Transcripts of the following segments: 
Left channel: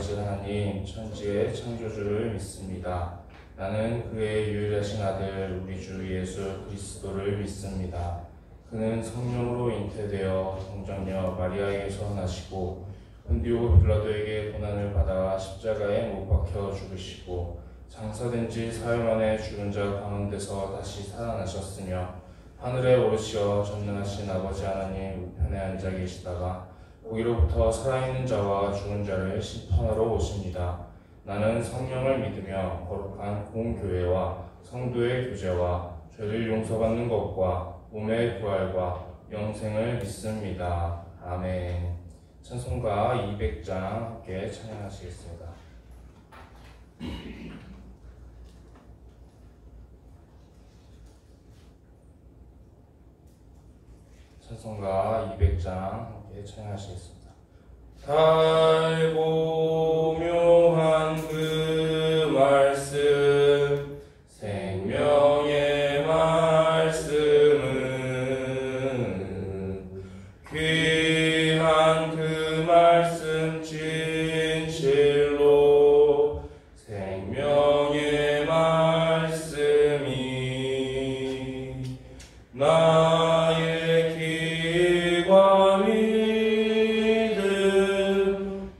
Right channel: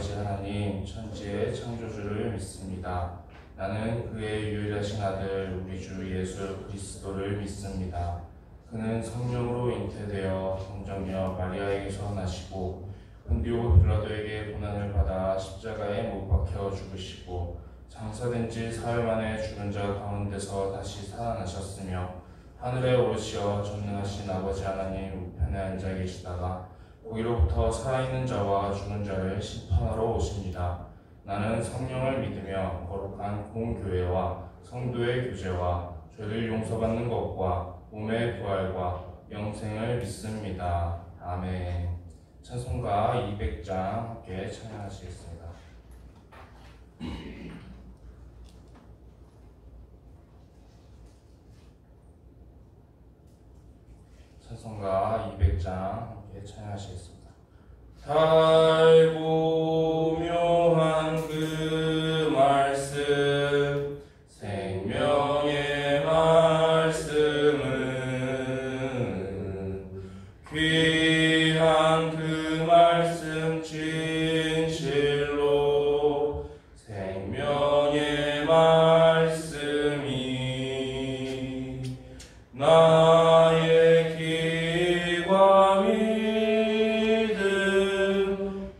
아버지 하나님 천지의 창조주를 믿습니다. 나는 그의 유일하신 아들 우리 주 예수 그리스도를 믿습니다. 그는 성령으로 잉태되어 성정녀 마리아에게서 나시고 본디오 빌라도에게 고난을 받아 십자가에 못 박혀 죽으시고 장사된 지 사흘 만에 죽은 자 가운데서 다시 살아나셨으며 하늘에 오르시어 전능하신 아버지 하나님 우편에 앉아 계시다가 거기로부터 살아있는 자와 죽은 자를 심판하러 오십니다. 나는 성령을 믿으며 거룩한 공교회와 성도의 교제와 죄를 용서받는 것과 몸의 부활과 영생을 믿습니다. 아멘. 찬송가 200장 함께 찬양하시겠습니다. 찬송가 200장 함께 찬양하시겠습니다. 달고 묘한 그 말씀 생명의 말씀은 귀한 그 말씀 진실로 생명의 말씀이 나의 기과 믿음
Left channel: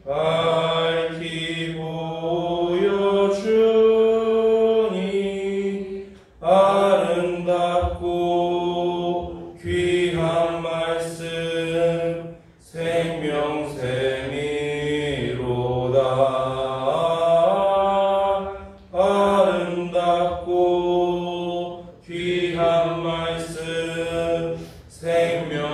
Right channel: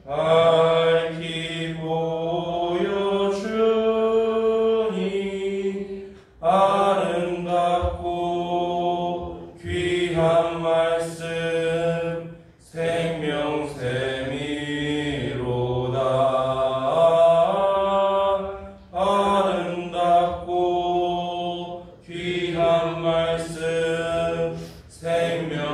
밝히 보여주니 아름답고 귀한 말씀 생명샘이로다. 아름답고 귀한 말씀 생명샘이로다.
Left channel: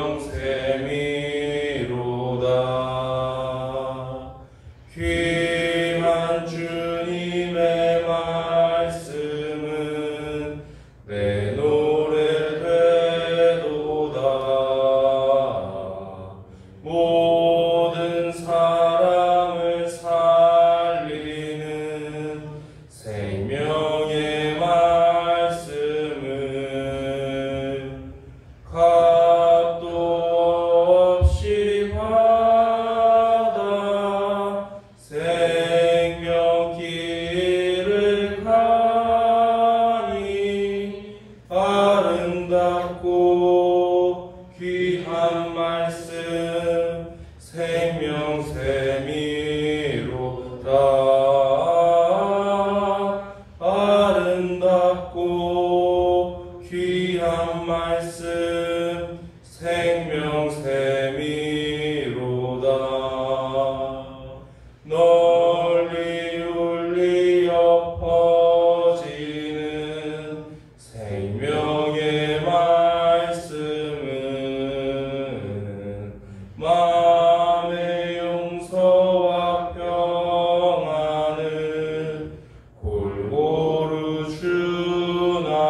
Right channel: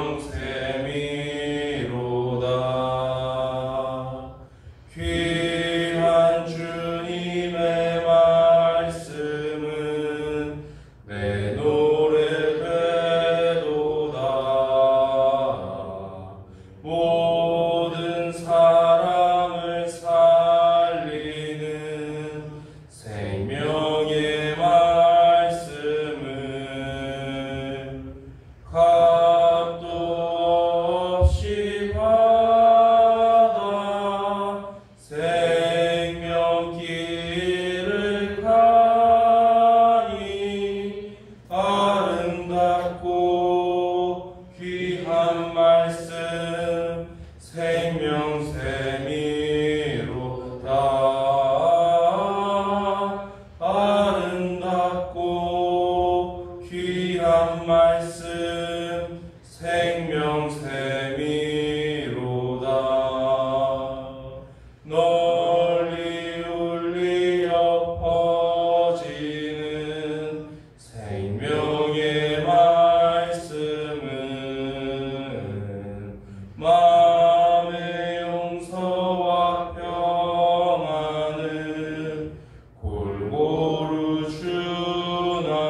귀한 주님의 말씀은 내 노래 되도다. 모든 사람을 살리는 생명의 말씀은 값도 없이 받아 생명길을 가니 아름답고 귀한 말씀 생명샘이로다. 아름답고 귀한 말씀 생명샘이로다. 널리 울리어 퍼지는 생명의 말씀은 마음의 용서와 평안을 골고루 주나니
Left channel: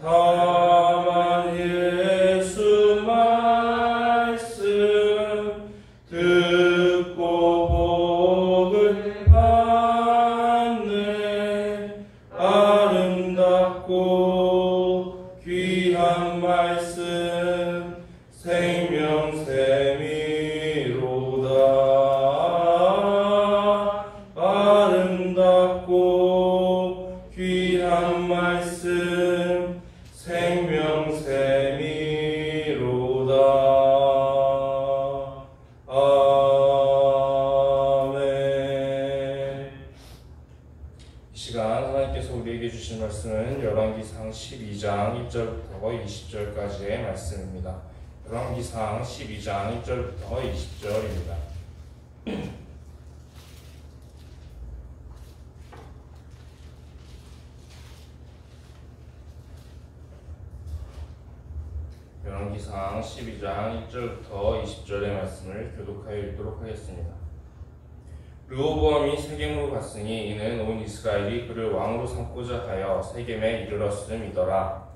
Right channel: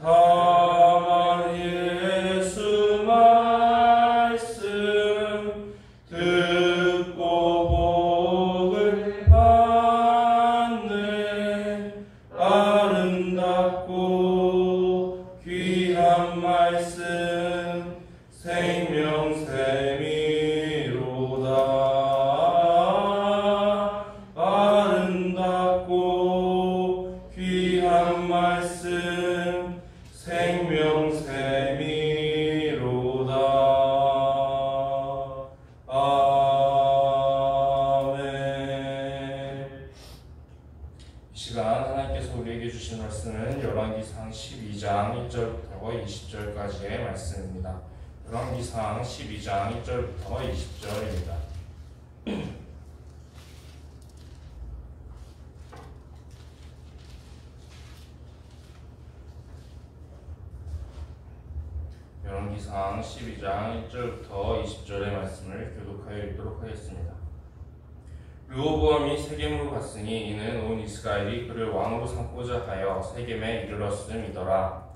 다만 예수 말씀 듣고 복을 받네. 아름답고 귀한 말씀 생명샘이로다. 아름답고 귀한 말씀 생명샘이로다. 아멘. 이 시간 하나님께서 우리에게 주신 말씀은 열왕기상 12장 1절부터 20절까지의 말씀입니다. 열왕기상 12장 1절부터 20절입니다. 열왕기상 12장 1절부터 20절의 말씀을 교독하여 읽도록 하겠습니다. 르호보암이 세겜으로 갔으니 이는 온 이스라엘이 그를 왕으로 삼고자 하여 세겜에 이르렀음이더라.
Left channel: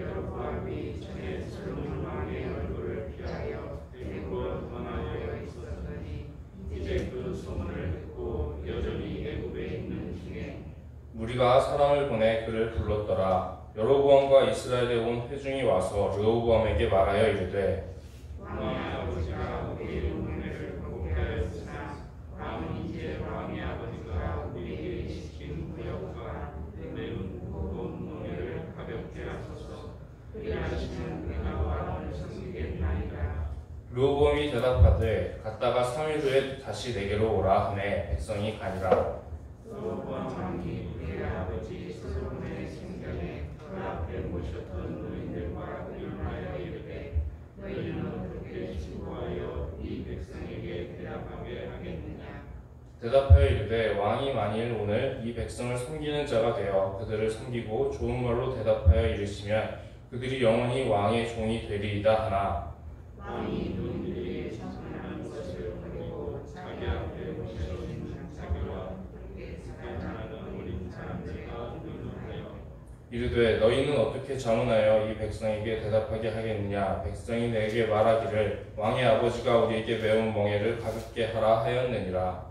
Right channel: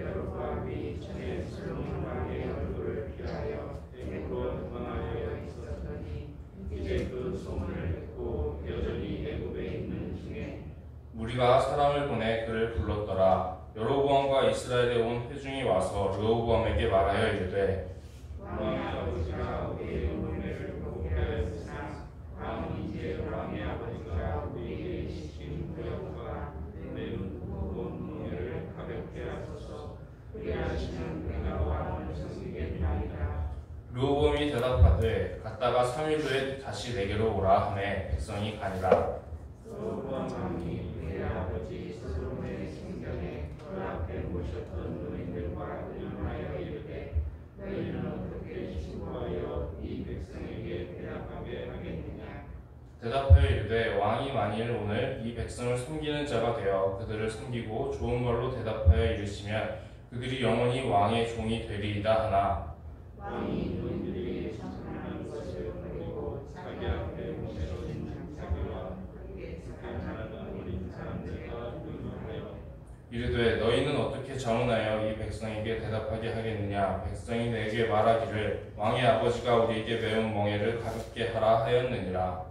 여로보암이 전에 솔로몬 왕의 얼굴을 피하여 애굽으로 도망하여 있었더니 이제 그 소문을 듣고 여전히 애굽에 있는 중에 무리가 사람을 보내 그를 불렀더라. 여로보암과 이스라엘에 온 회중이 와서 르호보암에게 말하여 이르되 왕의 아버지가 우리의 문매를 보고 이제 왕의 아버지가 우리에게 시킨 구역과 매우 무거운 멍에를 가볍게 하소서. 그리하시면 나와 음성이게 되리라. 르호보암이 대답하되 갔다가 3일 후에 다시 내게로 오라 하매 백성이 가니라. 르호보암 왕이 그의 아버지 솔로몬의 생전에 그 앞에 모셨던 노인들과 의논하여 이르되 너희는 어떻게 신고하여 이 백성에게 대답하게 하겠느냐. 대답하여 이르되 왕이 만일 오늘 이 백성을 섬기는 자가 되어 그들을 섬기고 좋은 말로 대답하여 이르시면 그들이 영원히 왕의 종이 되리이다 하나 왕이 노인들이 찬송하는 것을 버리고 자기 앞에 모셔진 장사기와 스탄하는 어린 사람들과 의논하여 이르되 너희는 어떻게 자문하여 이 백성에게 대답하게 하겠느냐. 백성이 내게 말하기를 왕의 아버지가 우리에게 매운 멍에를 가볍게 하라 하였느니라.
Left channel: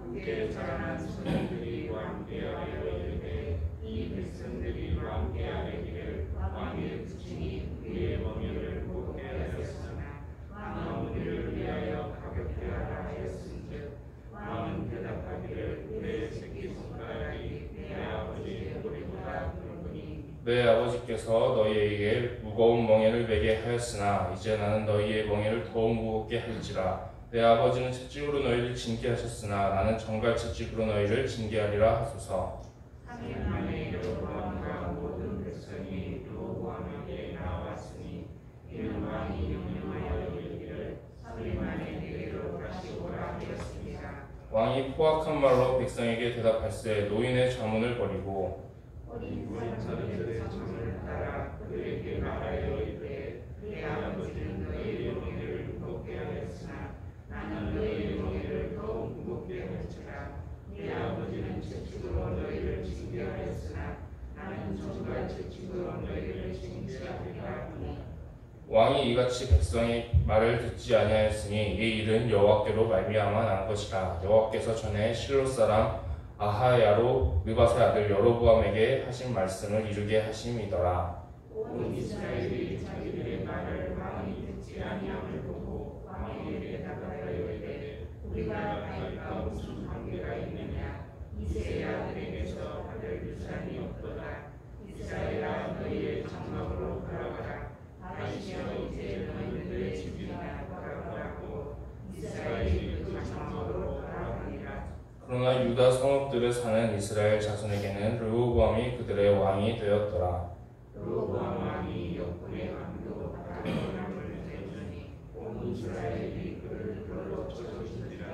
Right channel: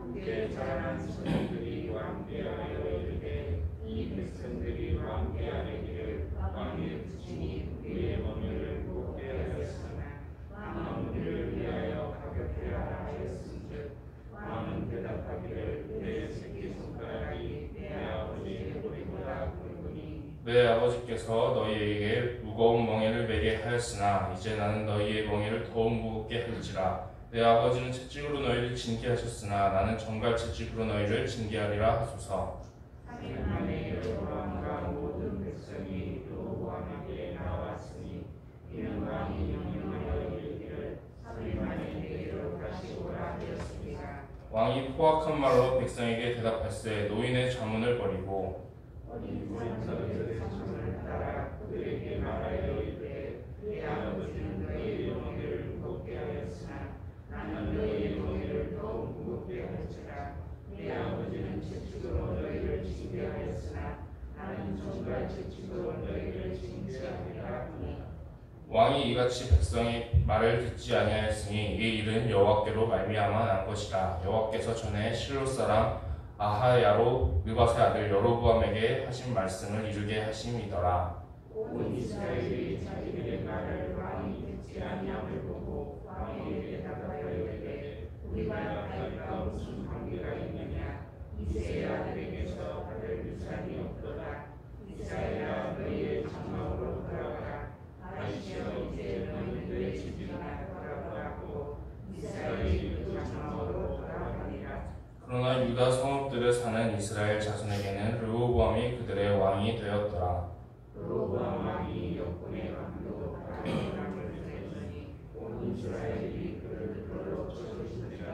함께 자라난 소년들이 왕께하여 이르되 이 백성들이 왕께 아뢰기를 왕이 친히 우리의 멍에를 무겁게 하였으나 왕은 우리를 위하여 가볍게 하라 하였은즉 왕은 대답하기를 내 새끼손가락이 내 아버지의 머리보다 굵으니 내 아버지께서 너희에게 무거운 멍에를 매게 하였으나 이제 나는 너희의 멍에를 더욱 무겁게 할지라. 내 아버지는 채찍으로 너희를 징계하셨으나 나는 정갈 채찍으로 너희를 징계하리라 하소서. 3일 만에 여로보암과 모든 백성이 르호보암에게 나왔으니 이는 왕이 명령하여 이르기를 3일 만에 내게로 다시 오라 하였습니다. 왕이 포악한 말로 백성에게 대답할세 노인의 자문을 버리고 어린 사람들의 자문을 따라 그들에게 말하여 이르되 내 아버지는 너희의 멍에를 무겁게 하였으나 나는 너희의 멍에를 더욱 무겁게 할지라. 내 아버지는 채찍으로 너희를 징계하였으나 나는 정갈 채찍으로 너희를 징계하리라 하니 왕이 이같이 백성의 말을 듣지 아니하였으니 이 일은 여호와께로 말미암아 난 것이라. 여호와께서 전에 실로 사람 아하야로 느밧의 아들 여로보암에게 하신 말씀을 이루게 하심이더라. 온 이스라엘이 자기들의 말을 왕이 듣지 아니함을 보고 왕에게 대답하여 이르되 우리가 다윗과 무슨 관계가 있느냐. 이새의 아들에게서 받을 유산이 없도다. 이스라엘아 너희의 장막으로 돌아가라. 다윗이여 이제 너희는 내 집이나 돌아가라 하고 이스라엘이 그 장막으로 돌아가니라. 그러나 유다 성읍들에 사는 이스라엘 자손에게는 르호보암이 그들의 왕이 되었더라. 르호보암 왕이 역군의 강도 바람을 내주니 온 이스라엘이 그를 그로 쳐주니라.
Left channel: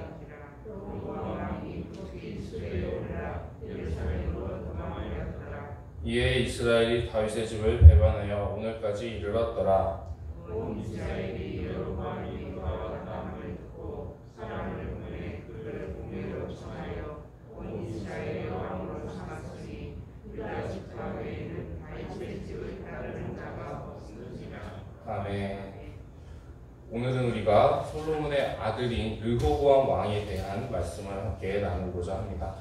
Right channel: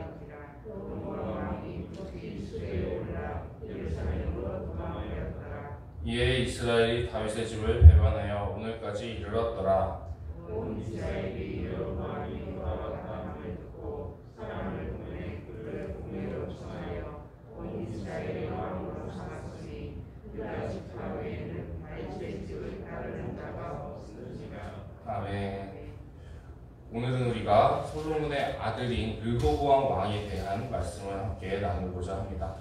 르호보암 왕이 급히 수레에 올라 예루살렘으로 도망하였더라. 이에 이스라엘이 다윗의 집을 배반하여 오늘까지 이르렀더라. 온 이스라엘이 여로보암이 돌아왔다 함을 듣고 사람을 보내 그를 공회로 청하여 온 이스라엘의 왕으로 삼았으니 유다 지파 외에는 다윗의 집을 따르는 자가 없으니라. 아멘. 오늘은 우리가 솔로몬의 아들인 르호보암 왕에 대한 말씀을 함께 나누고자 합니다.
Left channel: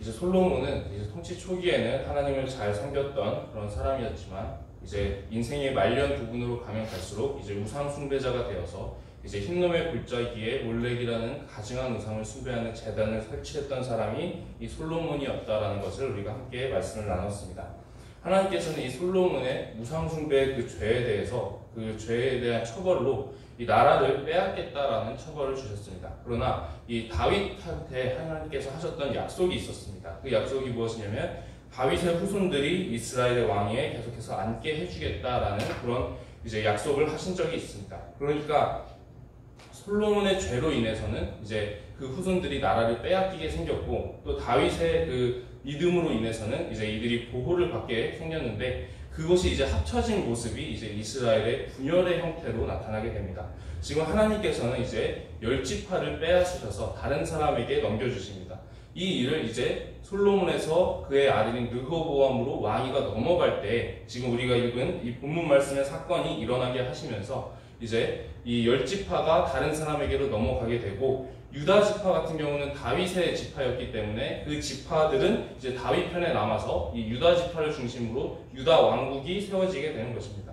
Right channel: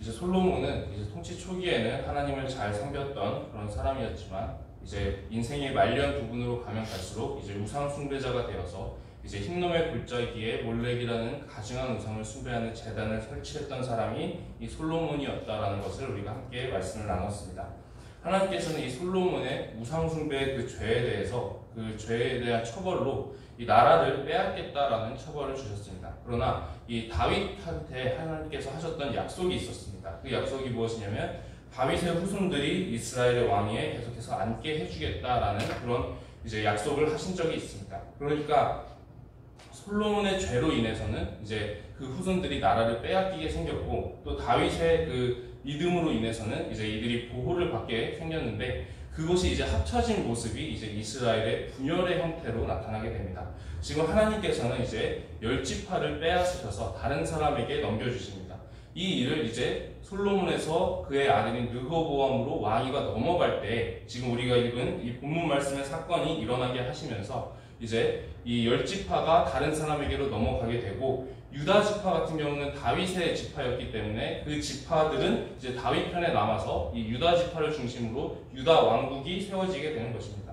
이제 솔로몬은 이제 통치 초기에는 하나님을 잘 섬겼던 그런 사람이었지만 이제 인생의 말년 부분으로 가면 갈수록 이제 우상 숭배자가 되어서 이제 흰놈의 골짜기에 몰렉이라는 가증한 우상을 숭배하는 제단을 설치했던 사람이 이 솔로몬이었다라는 것을 우리가 함께 말씀을 나눴습니다. 하나님께서는 이 솔로몬의 우상 숭배의 그 죄에 대해서 그 죄에 대한 처벌로 이 나라를 빼앗겠다라는 처벌을 주셨습니다. 그러나 이 다윗한테 하나님께서 하셨던 약속이 있었습니다. 그 약속이 무엇이냐면 다윗의 후손들이 이스라엘의 왕위에 계속해서 앉게 해주겠다라는 그런 이제 약속을 하신 적이 있습니다. 그러니까 솔로몬의 죄로 인해서는 이제 그 후손들이 나라를 빼앗기게 생겼고 또 다윗의 그 믿음으로 인해서는 이제 이들이 보호를 받게 생겼는데 그것이 이제 합쳐진 모습이 이제 이스라엘의 분열의 형태로 나타나게 됩니다. 지금 하나님께서는 이제 10지파를 빼앗으셔서 다른 사람에게 넘겨주십니다. 이 일을 이제 솔로몬에서 그의 아들인 르호보암으로 왕위가 넘어갈 때 지금 우리가 읽은 이 본문 말씀의 사건이 일어나게 하시면서 이제 이 10지파가 다른 사람에게로 넘어가게 되고 유다 지파 같은 경우는 다윗의 지파였기 때문에 그 지파들은 이제 다윗 편에 남아서 이 유다 지파를 중심으로 유다 왕국이 세워지게 되는 것입니다.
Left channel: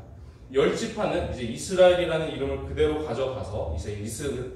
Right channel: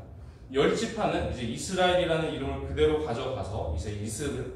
10지파는 이제 이스라엘이라는 이름을 그대로 가져가서 이제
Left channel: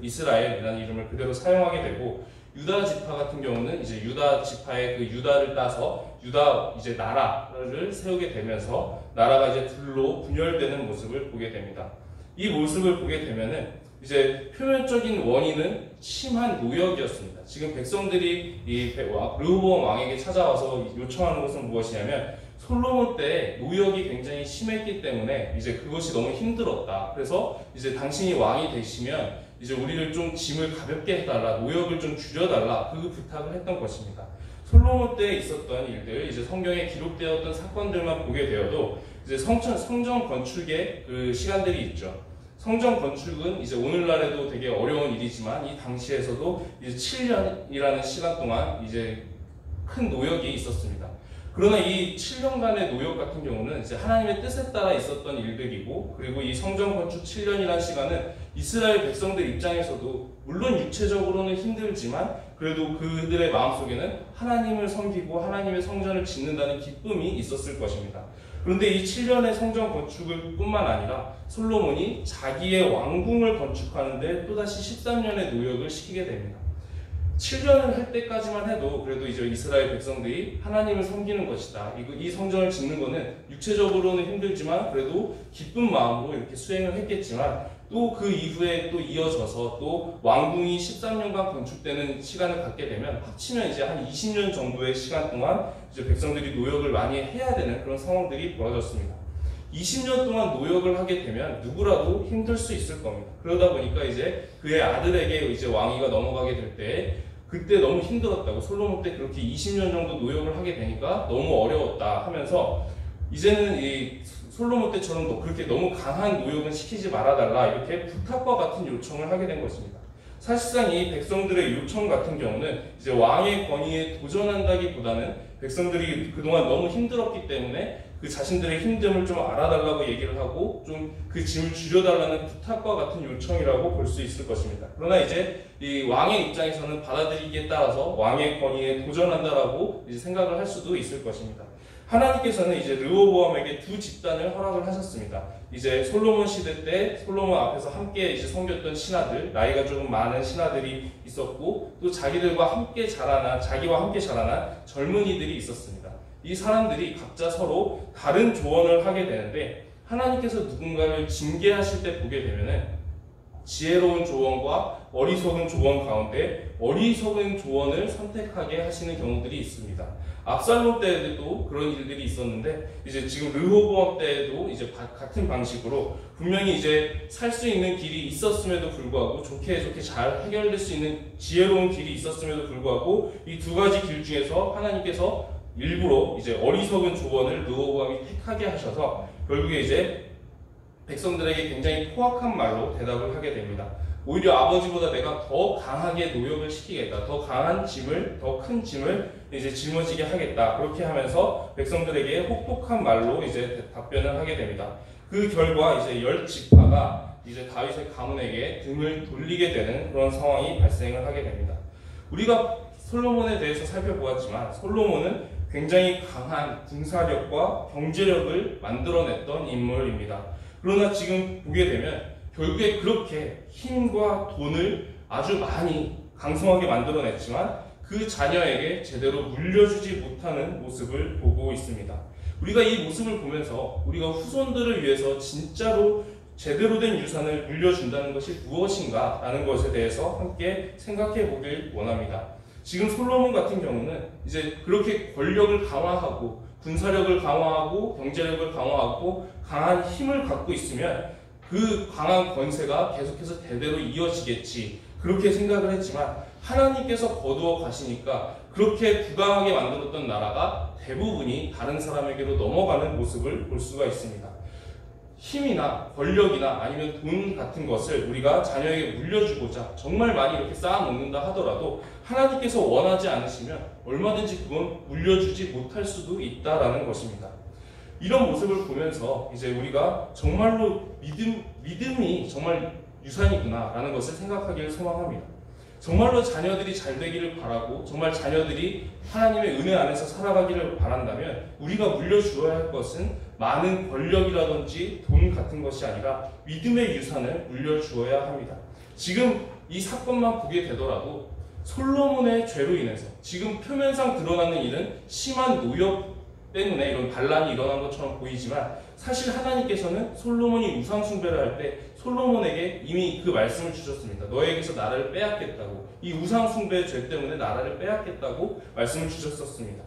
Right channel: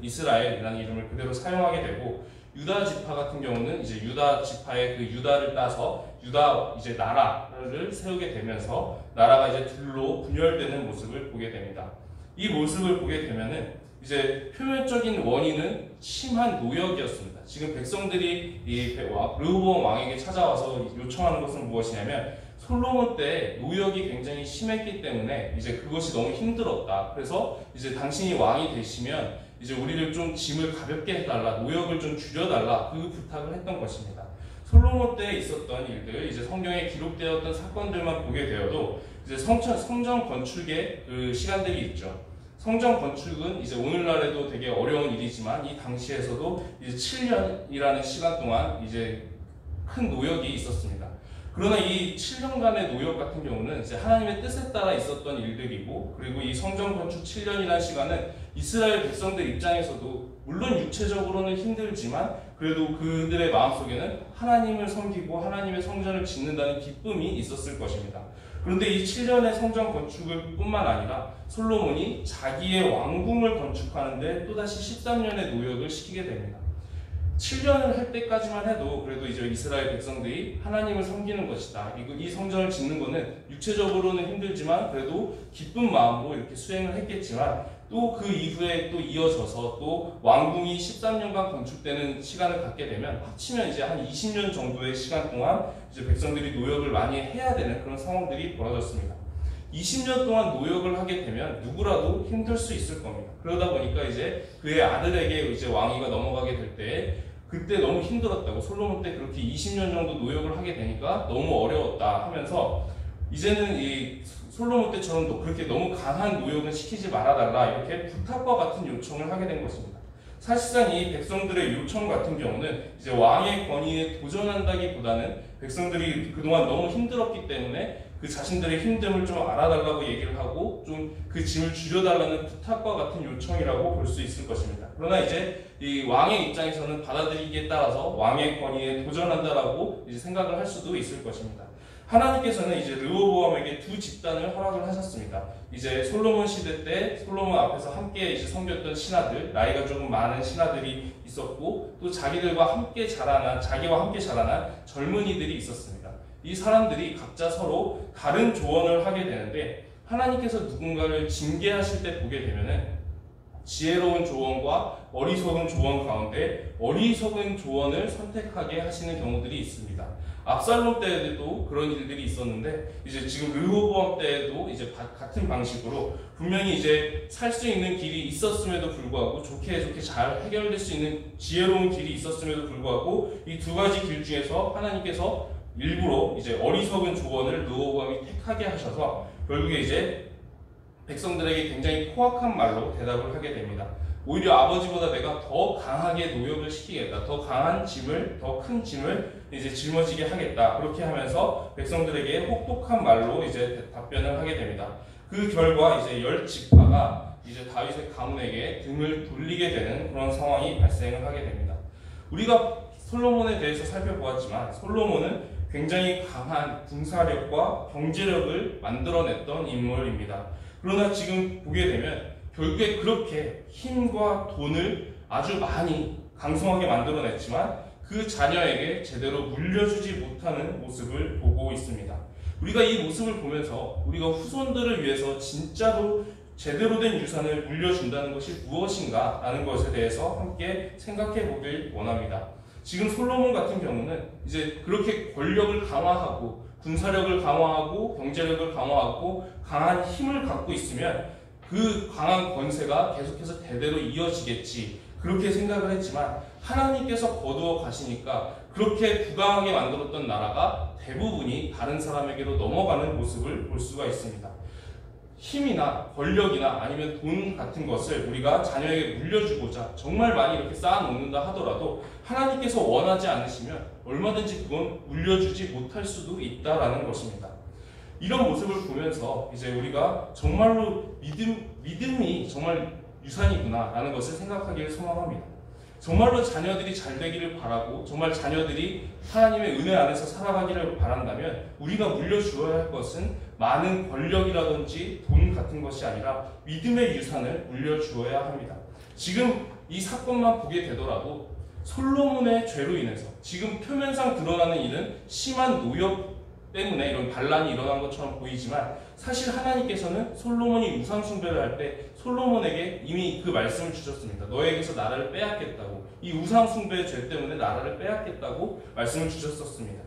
이스라엘이라는 이름을 그대로 사용하게 되고 유다 지파 같은 경우는 이제 유다 지파의 그 유다를 따서 유다 이제 나라를 세우게 되면서 나라가 이제 둘로 분열되는 모습을 보게 됩니다. 이 모습을 보게 되면은 이제 표면적인 원인은 심한 노역이었습니다. 지금 백성들이 이 르호보암 왕에게 찾아와서 요청하는 것은 무엇이냐면 솔로몬 때 노역이 굉장히 심했기 때문에 이제 그것이 너무 힘들었다. 그래서 이제 당신이 왕이 되시면 이제 우리를 좀 짐을 가볍게 해달라, 노역을 좀 줄여달라, 그 부탁을 했던 것입니다. 솔로몬 때 있었던 일들, 이제 성경에 기록되었던 사건들만 보게 되어도 이제 성전 건축의 그 시간들이 있죠. 성전 건축은 이제 오늘날에도 되게 어려운 일이지만 이 당시에서도 이제 7년이라는 시간 동안 이제 큰 노역이 있었습니다. 그러나 이 7년간의 노역 같은 경우는 이제 하나님의 뜻에 따라 있었던 일들이고, 그리고 이 성전 건축 7년이라는 시간은 이스라엘 백성들 입장에서도 물론 육체적으로는 힘들지만 그래도 그들의 마음속에는 하나님을 섬기고 하나님의 성전을 짓는다는 기쁨이 있었을 것입니다. 그런데 이 7년의 성전 건축을 뿐만 아니라 솔로몬이 자기의 왕궁을 건축하는데 또다시 13년의 노역을 시키게 됩니다. 7년을 할 때까지만 해도 그래도 이제 이스라엘 백성들이 하나님을 섬기는 것이다. 이 성전을 짓는 것은 육체적으로는 힘들지만 그래도 기쁜 마음으로 이렇게 수행을 했겠지만 또 그 이후에 또 이어져서 또 왕궁이 13년간 건축되는 시간을 갖게 되면 합치면 이제 한 20년 정도의 시간 동안 이제 백성들이 노역을 많이 해야 되는 그런 상황들이 벌어졌습니다. 20년 동안 노역을 하게 되면 누구라도 힘들 수 있을 겁니다. 그러다 보니까 이제 그의 아들에게 이제 왕위가 넘어가게 될 때 그때 너무 힘들었다고, 솔로몬 때 그렇게 20년 정도 노역을 하게 되니까 너무 어려웠다 하면서 이제는 이 솔로몬 때처럼 그렇게 너무 강한 노역은 시키지 말아달라, 이렇게 부탁과 같은 요청을 하게 된 것입니다. 사실상 이 백성들의 요청 같은 경우는 이제 왕의 권위에 도전한다기보다는 백성들이 그동안 너무 힘들었기 때문에 그 자신들의 힘듦을 좀 알아달라고 얘기를 하고 좀 그 짐을 줄여달라는 부탁과 같은 요청이라고 볼 수 있을 것입니다. 그러나 이제 이 왕의 입장에서는 받아들이기에 따라서 왕의 권위에 도전한다라고 이제 생각을 할 수도 있을 것입니다. 하나님께서는 이제 르호보암에게 두 집단을 허락을 하셨습니다. 이제 솔로몬 시대 때 솔로몬 앞에서 함께 이제 섬겼던 신하들, 나이가 조금 많은 신하들이 있었고 또 자기와 함께 자라난 젊은이들이 있었습니다. 이 사람들이 각자 서로 다른 조언을 하게 되는데 하나님께서 누군가를 징계하실 때 보게 되면은 지혜로운 조언과 어리석은 조언 가운데 어리석은 조언을 선택하게 하시는 경우들이 있습니다. 압살롬 때에도 그런 일들이 있었는데 이제 지금 르호보암 때에도 이제 같은 방식으로 분명히 이제 살 수 있는 길이 있었음에도 불구하고 좋게 잘 해결될 수 있는 지혜로운 길이 있었음에도 불구하고 이 두 가지 길 중에서 하나님께서 일부러 이제 어리석은 조언을 르호보암이 택하게 하셔서 결국에 이제 백성들에게 굉장히 포악한 말로 대답을 하게 됩니다. 오히려 아버지보다 내가 더 강하게 노역을 시키겠다. 더 강한 짐을, 더 큰 짐을 이제 짊어지게 하겠다. 그렇게 하면서 백성들에게 혹독한 말로 이제 답변을 하게 됩니다. 그 결과 이제 10지파가 이제 다윗의 가문에게 등을 돌리게 되는 그런 상황이 발생을 하게 됩니다. 우리가 솔로몬에 대해서 살펴보았지만 솔로몬은 굉장히 강한 군사력과 경제력을 만들어냈던 인물입니다. 그러나 지금 보게 되면 결국에 그렇게 힘과 돈을 아주 많이 강성하게 만들어냈지만 그 자녀에게 제대로 물려주지 못하는 모습을 보고 있습니다. 우리가 이 모습을 보면서 우리가 후손들을 위해서 진짜로 제대로 된 유산을 물려준다는 것이 무엇인가 라는 것에 대해서 함께 생각해 보길 원합니다. 지금 솔로몬 같은 경우는 이제 그렇게 권력을 강화하고 군사력을 강화하고 경제력을 강화하고 강한 힘을 갖고 있으면 그 강한 권세가 계속해서 대대로 이어지겠지 그렇게 생각을 했지만 하나님께서 거두어 가시니까 그렇게 부강하게 만들었던 나라가 대부분이 다른 사람에게로 넘어가는 모습을 볼 수가 있습니다. 힘이나 권력이나 아니면 돈 같은 것을 우리가 자녀에게 물려주고자 정말 많이 이렇게 쌓아놓는다 하더라도 하나님께서 원하지 않으시면 얼마든지 그건 물려주지 못할 수도 있다라는 것입니다. 이런 모습을 보면서 이제 우리가 정말로 믿음이 정말 유산이구나 라는 것을 생각하기를 소망합니다. 정말로 자녀들이 잘 되기를 바라고 정말 자녀들이 하나님의 은혜 안에서 살아가기를 바란다면 우리가 물려주어야 할 것은 많은 권력이라든지 돈 같은 것이 아니라 믿음의 유산을 물려주어야 합니다. 지금 이 사건만 보게 되더라도 솔로몬의 죄로 인해서 지금 표면상 드러나는 일은 심한 노역 때문에 이런 반란이 일어난 것처럼 보이지만 사실 하나님께서는 솔로몬이 우상 숭배를 할 때 솔로몬에게 이미 그 말씀을 주셨습니다. 너에게서 나라를 빼앗겠다고, 이 우상 숭배의 죄 때문에 나라를 빼앗겠다고 말씀을 주셨었습니다.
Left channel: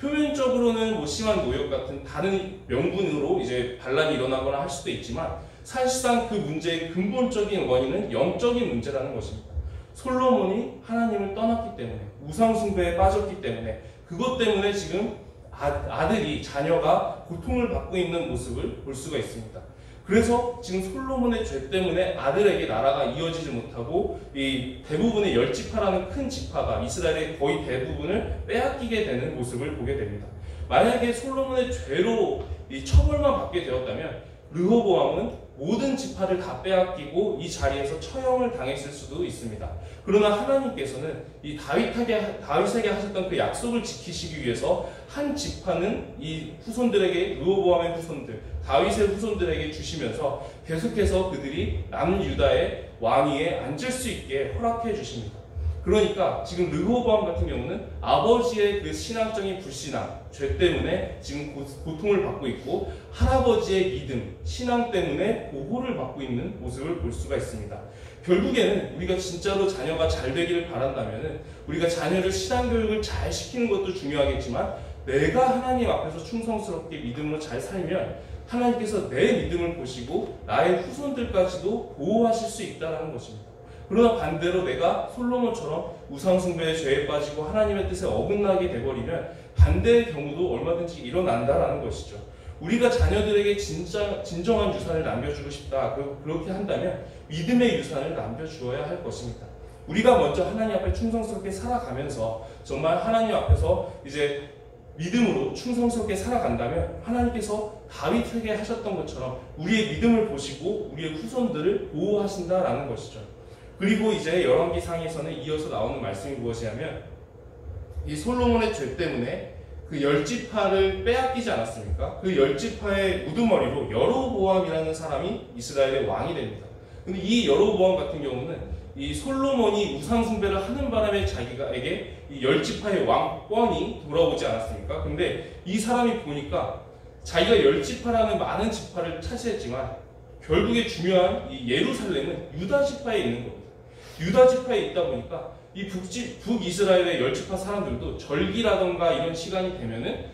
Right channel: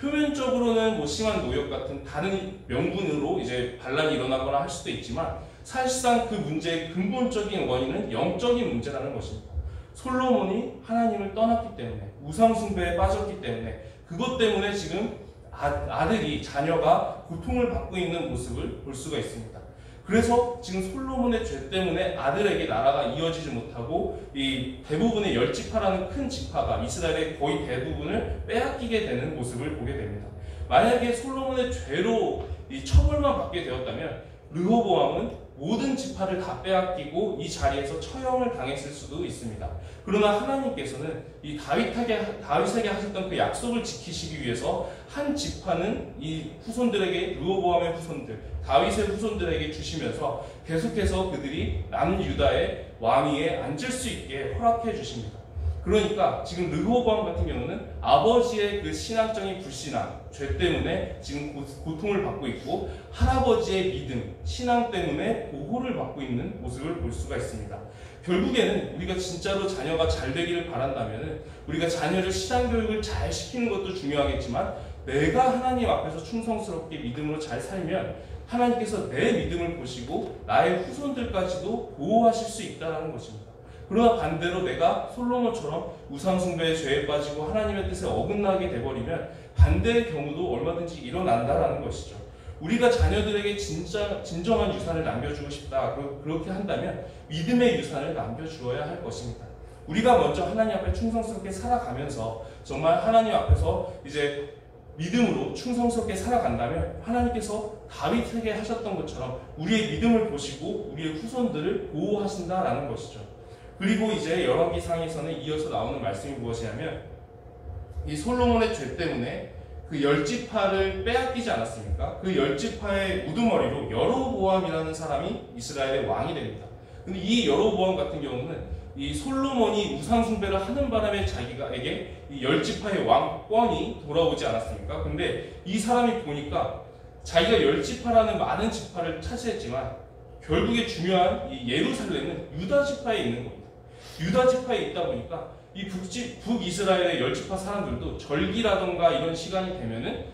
표면적으로는 뭐 심한 노역 같은 다른 명분으로 이제 반란이 일어나거나 할 수도 있지만 사실상 그 문제의 근본적인 원인은 영적인 문제라는 것입니다. 솔로몬이 하나님을 떠났기 때문에, 우상 숭배에 빠졌기 때문에, 그것 때문에 지금 아들이, 자녀가 고통을 받고 있는 모습을 볼 수가 있습니다. 그래서 지금 솔로몬의 죄 때문에 아들에게 나라가 이어지지 못하고 이 대부분의 10지파라는 큰 지파가 이스라엘의 거의 대부분을 빼앗기게 되는 모습을 보게 됩니다. 만약에 솔로몬의 죄로 이 처벌만 받게 되었다면 르호보암은 모든 지파를 다 빼앗기고 이 자리에서 처형을 당했을 수도 있습니다. 그러나 하나님께서는 이 다윗에게 하셨던 그 약속을 지키시기 위해서 한 지파는 이 후손들에게, 르호보암의 후손들, 다윗의 후손들에게 주시면서 계속해서 그들이 남유다의 왕위에 앉을 수 있게 허락해 주십니다. 그러니까 지금 르호보암 같은 경우는 아버지의 그 신앙적인 불신앙, 죄 때문에 지금 고통을 받고 있고 할아버지의 믿음, 신앙 때문에 보호를 받고 있는 모습을 볼 수가 있습니다. 결국에는 우리가 진짜로 자녀가 잘 되기를 바란다면 우리가 자녀를 신앙교육을 잘 시키는 것도 중요하겠지만 내가 하나님 앞에서 충성스럽게 믿음으로 잘 살면 하나님께서 내 믿음을 보시고 나의 후손들까지도 보호하실 수 있다는 것입니다. 그러나 반대로 내가 솔로몬처럼 우상숭배의 죄에 빠지고 하나님의 뜻에 어긋나게 돼버리면 반대의 경우도 얼마든지 일어난다라는 것이죠. 우리가 자녀들에게 진정한 유산을 남겨주고 싶다, 그렇게 한다면 믿음의 유산을 남겨주어야 할 것입니다. 우리가 먼저 하나님 앞에 충성스럽게 살아가면서 정말 하나님 앞에서 이제 믿음으로 충성스럽게 살아간다면 하나님께서 다윗에게 하셨던 것처럼 우리의 믿음을 보시고 우리의 후손들을 보호하신다라는 것이죠. 그리고 이제 열왕기상에서는 이어서 나오는 말씀이 무엇이냐면 이 솔로몬의 죄 때문에 그 10지파를 빼앗기지 않았습니까? 그 10지파의 우두머리로 여로보암이라는 사람이 이스라엘의 왕이 됩니다. 근데 이 여로보암 같은 경우는 이 솔로몬이 우상숭배를 하는 바람에 자기가에게 이 10지파의 왕권이 돌아오지 않았습니까? 근데 이 사람이 보니까 자기가 10지파라는 많은 지파를 차지했지만 결국에 중요한 이 예루살렘은 유다 지파에 있는 겁니다. 유다 지파에 있다 보니까 이 북이스라엘의 10지파 사람들도 절기라던가 이런 시간이 되면은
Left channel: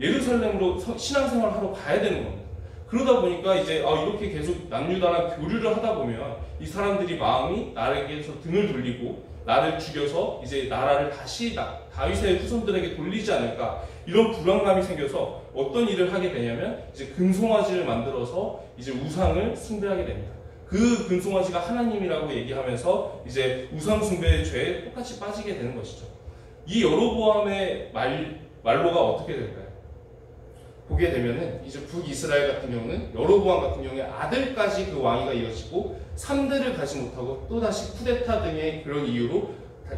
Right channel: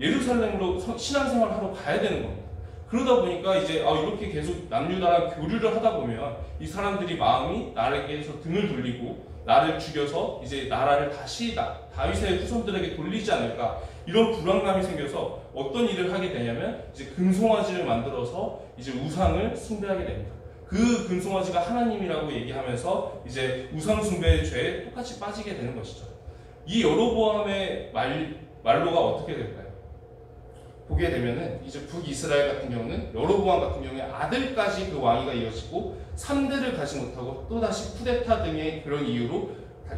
예루살렘으로 신앙생활을 하러 가야 되는 겁니다. 그러다 보니까 이제 이렇게 계속 남유다랑 교류를 하다 보면 이 사람들이 마음이 나에게서 등을 돌리고 나를 죽여서 이제 나라를 다시 다윗의 후손들에게 돌리지 않을까, 이런 불안감이 생겨서 어떤 일을 하게 되냐면 이제 금송아지를 만들어서 이제 우상을 숭배하게 됩니다. 그 금송아지가 하나님이라고 얘기하면서 이제 우상 숭배의 죄에 똑같이 빠지게 되는 것이죠. 이 여로보암의 말로가 어떻게 될까요? 보게 되면은 이제 북이스라엘 같은 경우는 여로보암 같은 경우에 아들까지 그 왕위가 이어지고 3대를 가지 못하고 또다시 쿠데타 등의 그런 이유로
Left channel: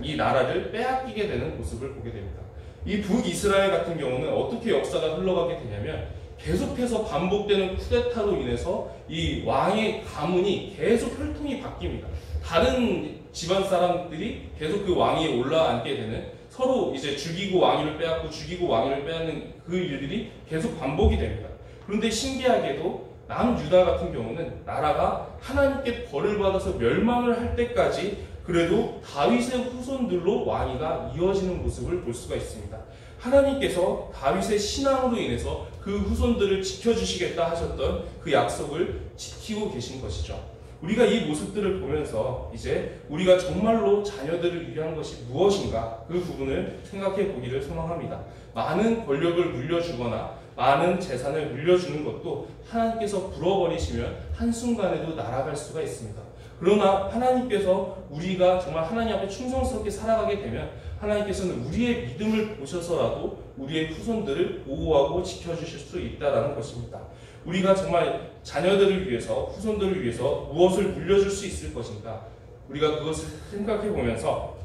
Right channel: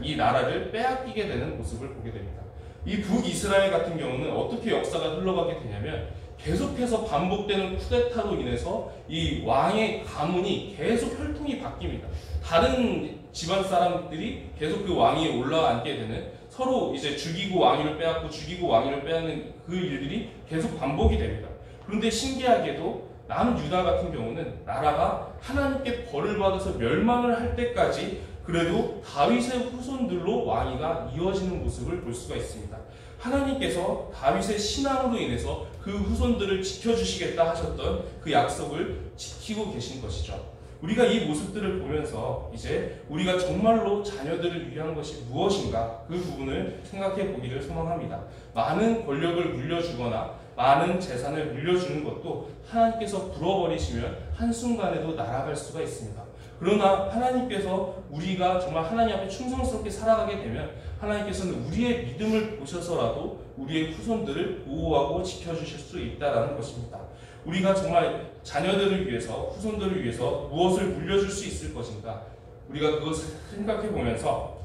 이 나라를 빼앗기게 되는 모습을 보게 됩니다. 이 북이스라엘 같은 경우는 어떻게 역사가 흘러가게 되냐면 계속해서 반복되는 쿠데타로 인해서 이 왕의 가문이 계속 혈통이 바뀝니다. 다른 집안 사람들이 계속 그 왕위에 올라앉게 되는, 서로 이제 죽이고 왕위를 빼앗고 죽이고 왕위를 빼앗는 그 일들이 계속 반복이 됩니다. 그런데 신기하게도 남유다 같은 경우는 나라가 하나님께 벌을 받아서 멸망을 할 때까지 그래도 다윗의 후손들로 왕위가 이어지는 모습을 볼 수가 있습니다. 하나님께서 다윗의 신앙으로 인해서 그 후손들을 지켜주시겠다 하셨던 그 약속을 지키고 계신 것이죠. 우리가 이 모습들을 보면서 이제 우리가 정말로 자녀들을 위한 것이 무엇인가, 그 부분을 생각해 보기를 소망합니다. 많은 권력을 물려주거나 많은 재산을 물려주는 것도 하나님께서 불어버리시면 한순간에도 날아갈 수가 있습니다. 그러나 하나님께서 우리가 정말 하나님 앞에 충성스럽게 살아가게 되면 하나님께서는 우리의 믿음을 보셔서라도 우리의 후손들을 보호하고 지켜주실 수 있다는 것입니다. 우리가 정말 자녀들을 위해서, 후손들을 위해서 무엇을 물려줄 수 있을 것인가, 우리가 그것을 생각해 보면서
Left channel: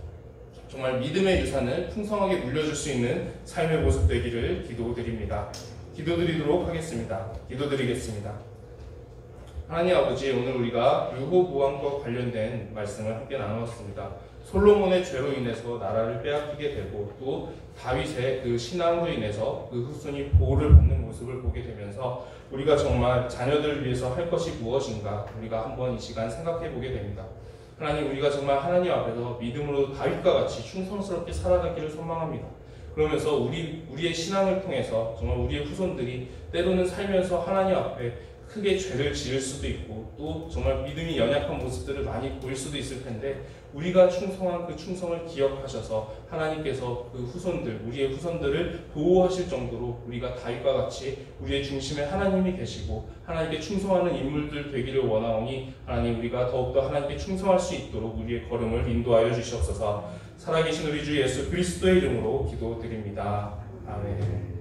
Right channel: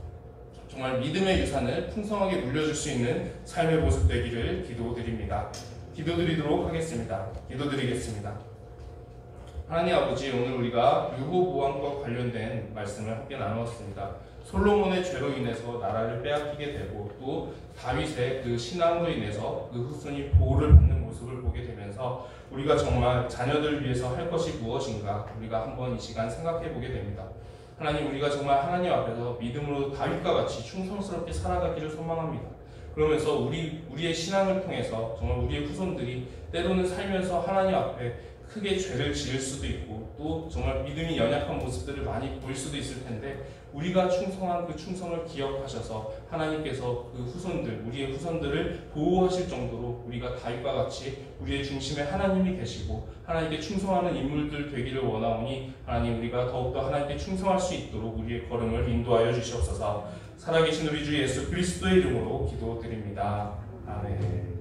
정말 믿음의 유산을 풍성하게 물려줄 수 있는 삶의 모습 되기를 기도드립니다. 기도드리도록 하겠습니다. 기도드리겠습니다. 하나님 아버지, 오늘 우리가 르호보암과 관련된 말씀을 함께 나누었습니다. 솔로몬의 죄로 인해서 나라를 빼앗기게 되고 또 다윗의 그 신앙으로 인해서 그 후손이 보호를 받는 모습을 보게 되면서 우리가 정말 자녀들을 위해서 할 것이 무엇인가 우리가 한번 이 시간 생각해 보게 됩니다. 하나님, 우리가 정말 하나님 앞에서 믿음으로 다윗과 같이 충성스럽게 살아가기를 소망합니다. 그러면서 우리의 신앙을 통해서 정말 우리의 후손들이 때로는 살면서 하나님 앞에 크게 죄를 지을 수도 있고 또 정말 믿음이 연약한 모습들을 많이 보일 수도 있을 텐데 우리가 충성한 그 충성을 기억하셔서 하나님께서 그 후손들, 우리의 후손들을 보호하실 정도로 우리가 다윗과 같이 우리의 중심에 하나님이 계시고 하나님께 충성하는 인물들 되기를 원하오니 하나님, 우리가 더욱더 하나님께 충성할 수 있도록 우리의 걸음을 인도하여 주시옵소서. 살아계신 우리 주 예수 그리스도의 이름으로 기도드립니다. 아멘.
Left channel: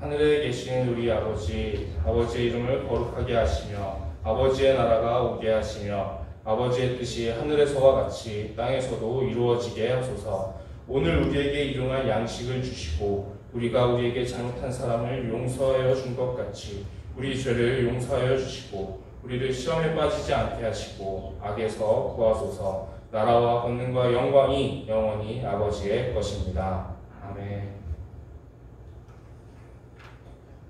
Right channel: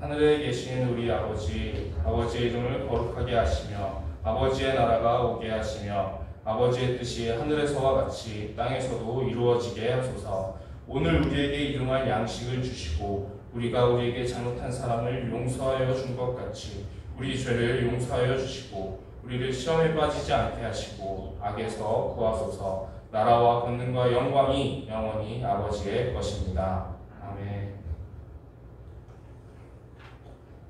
하늘에 계신 우리 아버지, 아버지의 이름을 거룩하게 하시며 아버지의 나라가 오게 하시며 아버지의 뜻이 하늘에서와 같이 땅에서도 이루어지게 하소서. 오늘 우리에게 일용할 양식을 주시고 우리가 우리에게 잘못한 사람을 용서하여 준 것 같이 우리 죄를 용서하여 주시고 우리를 시험에 빠지지 않게 하시고 악에서 구하소서. 나라와 권능과 영광이 영원히 아버지의 것입니다. 아멘.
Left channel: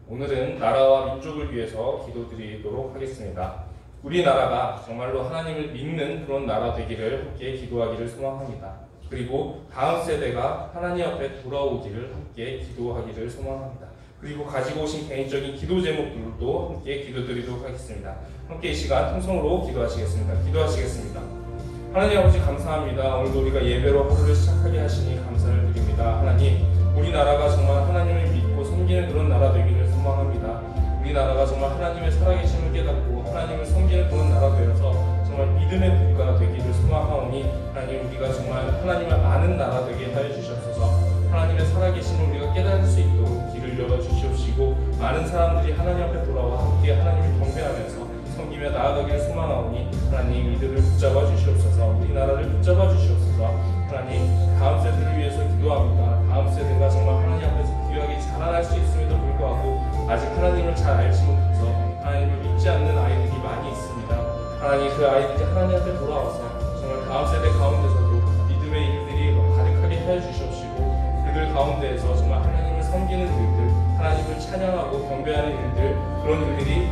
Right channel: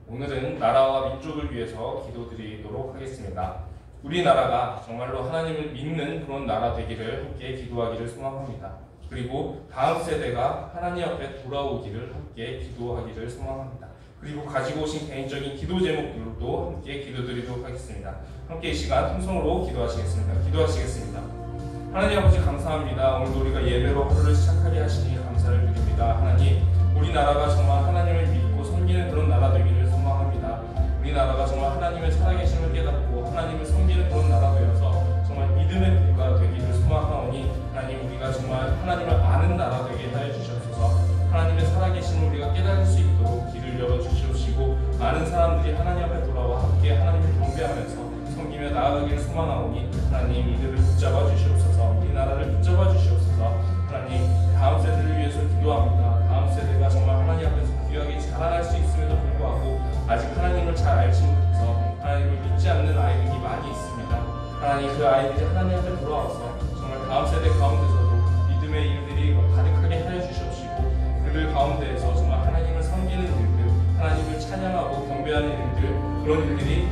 오늘은 나라와 민족을 위해서 기도드리도록 하겠습니다. 우리나라가 정말로 하나님을 믿는 그런 나라 되기를 함께 기도하기를 소망합니다. 그리고 다음 세대가 하나님 앞에 돌아오기를 함께 기도하기를 소망합니다. 그리고 가지고 오신 개인적인 기도 제목들도 함께 기도드리도록 하겠습니다. 함께 이 시간 통성으로 기도하시겠습니다. 하나님 아버지, 감사합니다. 오늘도 우리가 예배로 하루를 시작하게 하시니 감사를 드립니다. 하나님, 우리나라가 정말 하나님을 믿고 섬기는 그런 나라 되기를 소망합니다. 우리나라가 정말 하나님의 살아계심을 깨닫고 하나님을 섬기는 그런 나라 되어서 정말 믿음의 국가 되기를 소망하오니 하나님, 우리가 정말 하나님을 아는 나라 되게 하여 주시옵소서. 하나님의 살아계심을 우리가 깨달을 수 있도록 길을 열어주시옵시고 많은 사람들이 하나님 앞에 돌아와 함께 하나님을 경배하면서 섬기며 나아가기를 소망하오니 하나님, 이들을 붙잡아 주시옵소서. 우리나라를 붙잡아 주시옵소서. 하나님, 다음 세대를 위해서 기도합니다. 다음 세대가 정말 하나님 앞에서 귀하게 자라날 수 있음에도 불구하고 아직 하나님을 잘 알지 못해서 하나님을 믿지 않는 아이들이 많이 있습니다. 하나님, 그 아이들이 하나님 앞에 돌아와서 정말 다음 세대 가운데서도 믿음의 일들이 가득하게 하여 주시옵시고 그들 가운데에서 정말 하나님을 섬기는 일들, 하나님을 찬양하고 경배하는 일들, 그런 일들이